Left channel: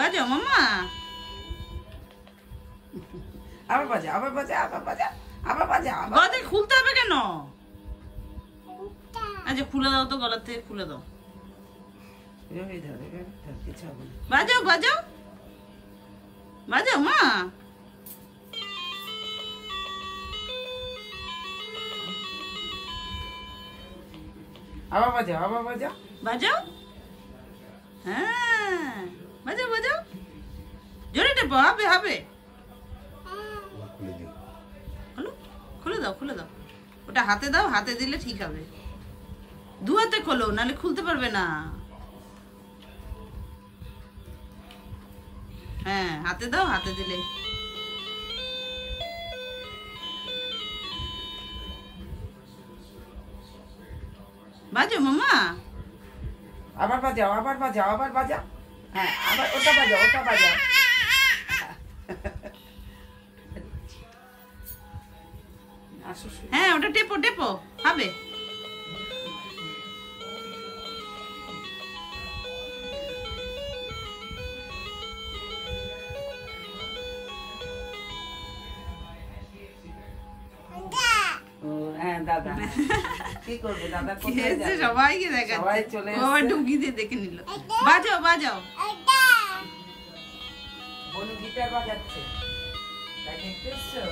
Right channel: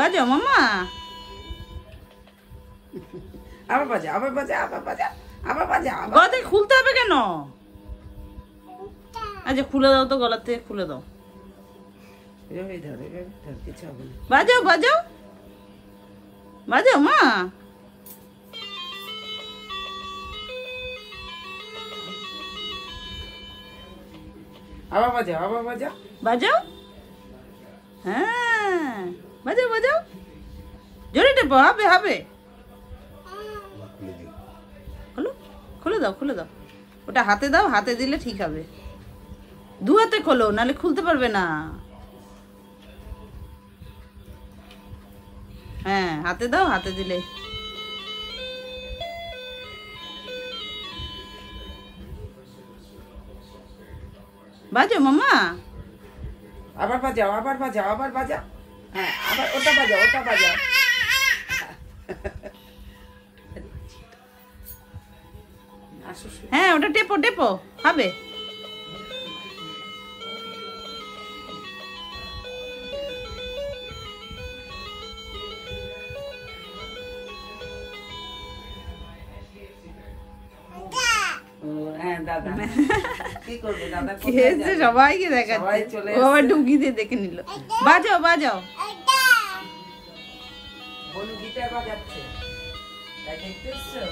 বাজাও মামা। আবার বাজা, আবার বাজা, আবার বাজা, আবার বাজা। গলা থেকে খুলতে হবে কেন? আচ্ছা খুলে দাও তো, গলা থেকে খুলে দাও। বাজাও বাজাও বাজাও মা। আবার বাজা, আবার বাজা, বাজাও। হ্যাঁ বাজাও বাজাও, জোরে টেপো, হবে হবে। খোলো, খুলে দাও খুলে দাও। ওটা হাতে দাও, হাতে দিলে ঠিক হবে। দু হাতে খোলো, নাহলে খুলতে পারবে না। হ্যাঁ হাতে দাও, হাতে দিলে। বাজাও মামা। আবার বাজাও, আবার বাজাও, আবার বাজা। হ্যাঁ আবার ওটা বাজা, ওটা বাজা। হ্যাঁ ওটা টেপো টেপো, হবে। হ্যাঁ দাদা কি করবে, দাদা সবাইকে দেখাচ্ছে, ও আবার ঢুকি দিয়ে দেখে নিল। বাজাও বাজাও। বলু গিটার বাজাচ্ছে, তাই দেখতেছো?